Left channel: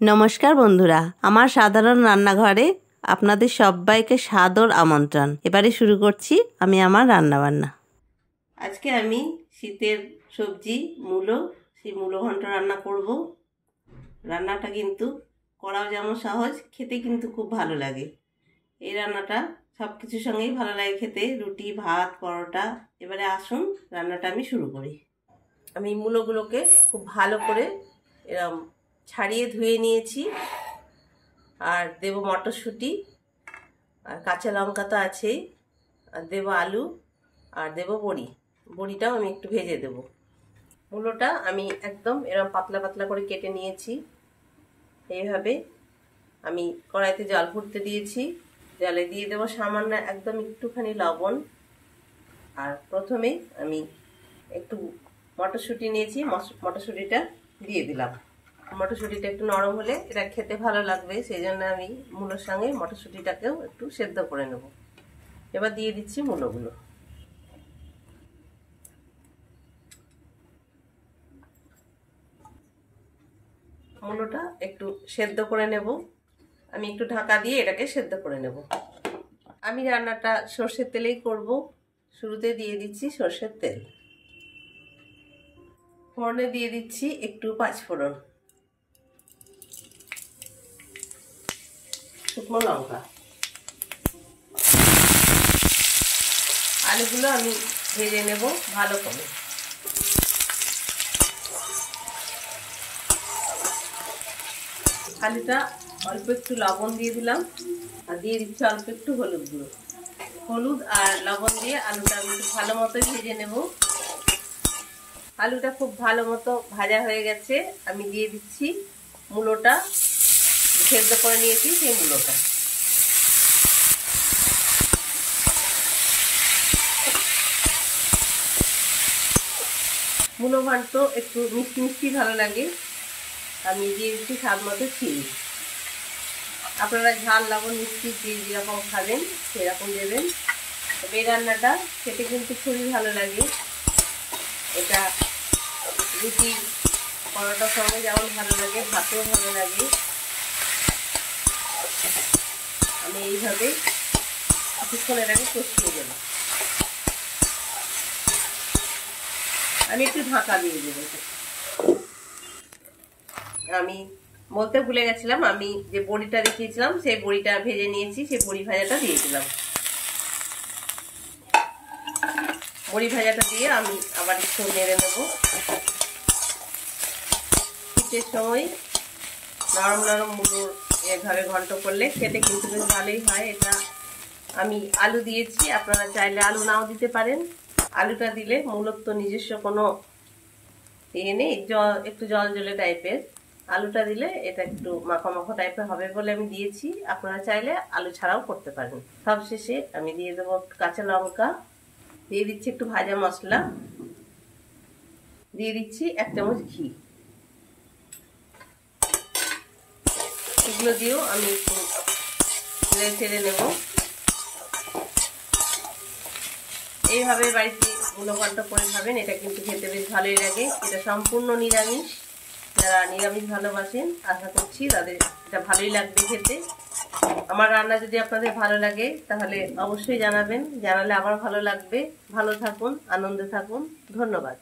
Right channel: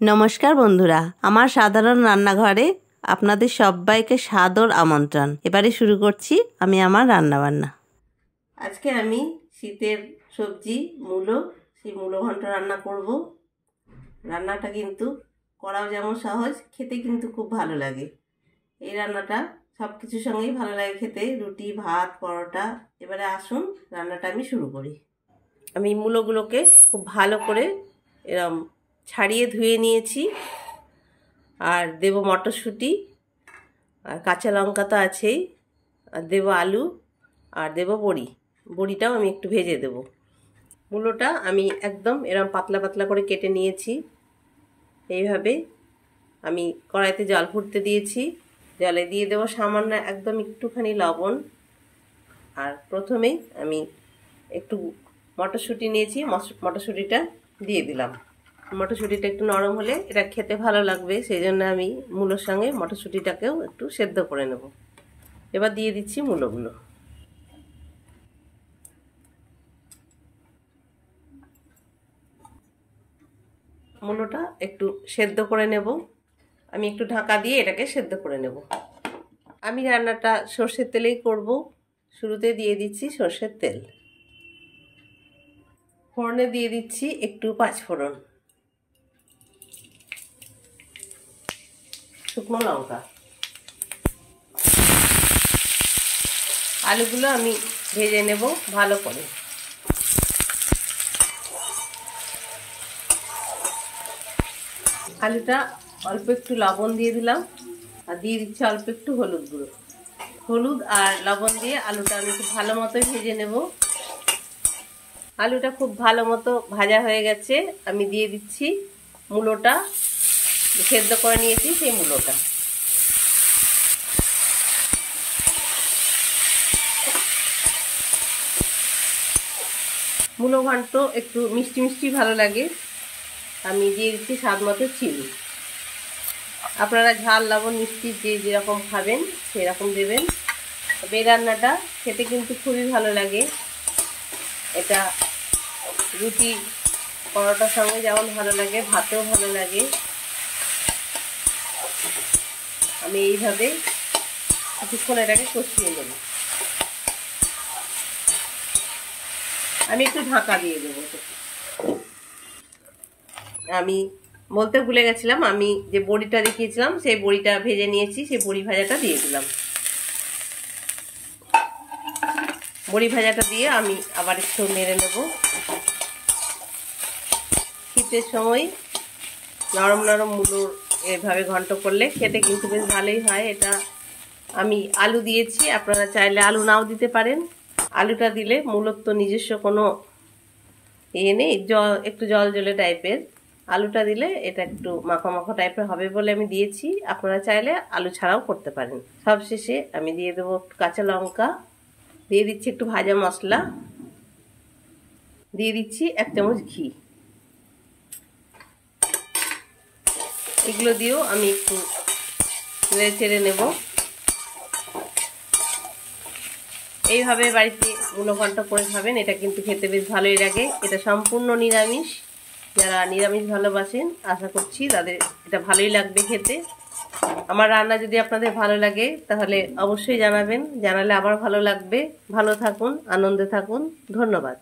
নমস্কার বন্ধুরা, আমার সাধারণ রান্নাঘরে আপনাদের সবাইকে সাদর আমন্ত্রণ। এবারে শুরু করছি আমি আমার রান্নাবান্না। আজকে আমি শীতের সবজি মূলো, সেই মূলো ঘন্ট রান্না করব। রান্নাটা কিন্তু করাও যেমন সহজ, খেতে কিন্তু খুব ভালো লাগে। এই রান্নাটা সব কিছুর সঙ্গেই ভালো লাগে খেতে, রুটি, ভাত, পরোটা। এবারে আসুন রান্নাটা আমি শুরু করি। আমি মূলোগুলোকে খুব ভালো করে এরম ছাড়িয়ে ধুয়ে নিয়েছি। আর দেব মটরশুঁটি, আর কাঁচা লঙ্কা তো আছেই, আর দেব আলু, আর দেব বড়ি। বড়িটাও আমি একটু ভেজে দেব। মূলোটা আমি একদম এরকম পাতলা পাতলা করে কেটে নিয়েছি। এইভাবে আমি কড়াইতে জল ফুটতে দিয়েছি। জলে দিয়ে দেব সামান্য একদম একটুখানি লবণ। আর প্রথমেই আমি একটু মটরশুঁটি নিয়েছি, মটরশুঁটিটা দিয়ে দিলাম। মটরশুঁটিটা একটু নরম হলে এটা খেতে ভালো লাগবে, সেই জন্য আমি মূলোর সঙ্গে মটরশুঁটিটাকেও একটু সেদ্ধ করে নেব। এবার দিয়ে দিচ্ছি মূলোগুলো। মূলোটা একটু সেদ্ধ করে নেব। আমি একটু ঢাকা দিয়ে এটাকে সেদ্ধ করে নেব। আমি রান্নাটা সর্ষের তেলেই করব। শুরুতে দিয়ে দিচ্ছি সর্ষের তেল। ফোড়নে দিয়ে দিচ্ছি একটু পাঁচফোড়ন, শুকনো লঙ্কা। আলুগুলো আমি ভেজে নেব ভালো করে। আলুটা অল্প একটু লবণ দিয়ে দিলাম, আর দিয়ে দিচ্ছি অল্প একটু হলুদ গুঁড়ো। হলুদ আর লবণ দিয়ে আলুটা আমি খুব ভালো মতো ভেজে নেব। আলুটা খুব ভালো মতো ভাজা হয়ে গেছে। আমি দিয়ে দিচ্ছি মূলোটা, সেদ্ধ করে নিয়েছি সেই মূলোটা। মূলো ঘন্ট একটু মিষ্টি মিষ্টি ভালো লাগে। আমি দিয়ে দিচ্ছি স্বাদ মতো চিনি। আপনারা ঝাল, লবণ, মিষ্টি যে যেরকম খাবেন সেরকম দেবেন। এই রান্নাটা খেতে কিন্তু খুবই ভালো লাগে। এটা রুটি, পরোটার সঙ্গে যেমন ভালো লাগে, ভাতেও ভালো লাগে। আমি এইভাবে কিছুক্ষণ এটাকে কষিয়ে দেব। আমি একটু ঢাকা দিয়ে দেব। আমি বলতে ভুলে গেছিলাম, আমি যে বড়িটা দেখিয়েছিলাম সেই বড়িটা ভেজে নিয়েছি, সেই বড়ি ভাজাটা দিয়ে দিলাম। বড়ি ভাজাটা দিয়ে আমি আবার একটু নেড়ে নেব। শীতের সময় নরম নরম মূলো এভাবে ঘন্ট করলে খেতে কিন্তু বেশ ভালোই হয়। এটা আমি আলু দিয়েছি, আপনারা চাইলে আলু নাও দিতে পারেন। আলুটা দিলে মূলোর তো নিজস্ব কোনো ইয়ে নেই, একটু জল জলে টাইপের। আলুটা দিলে এটা একটু মাখা মাখা টাইপের হবে বলে আমি দিয়েছি। আপনারা চাইলে আলু ছাড়াও করতে পারেন। সবশেষে আমি দিয়ে দেবো কাঁচা লঙ্কা, দিয়ে দিচ্ছি একটু ভাজা মশলা, দিয়ে দিচ্ছি 1 চামচ ঘি। এগুলো দিয়েও আমি একটু নেড়ে চেড়ে নেব। এইভাবে বাড়িতে মূলো ঘন্ট করে খাবেন, এটা কিন্তু খেতে বেশ ভালোই লাগে। এটা সম্পূর্ণ নিরামিষ। যারা নিরামিষ ভালোবাসেন আশা করছি তাদের এটা ভালোই লাগবে খেতে। আমার রান্না যদি আপনাদের ভালো লাগে তাহলে অবশ্যই জানাবেন, জানালে আবার ভালো লাগবে। ভালো থাকুন, আনন্দে থাকুন। ধন্যবাদ।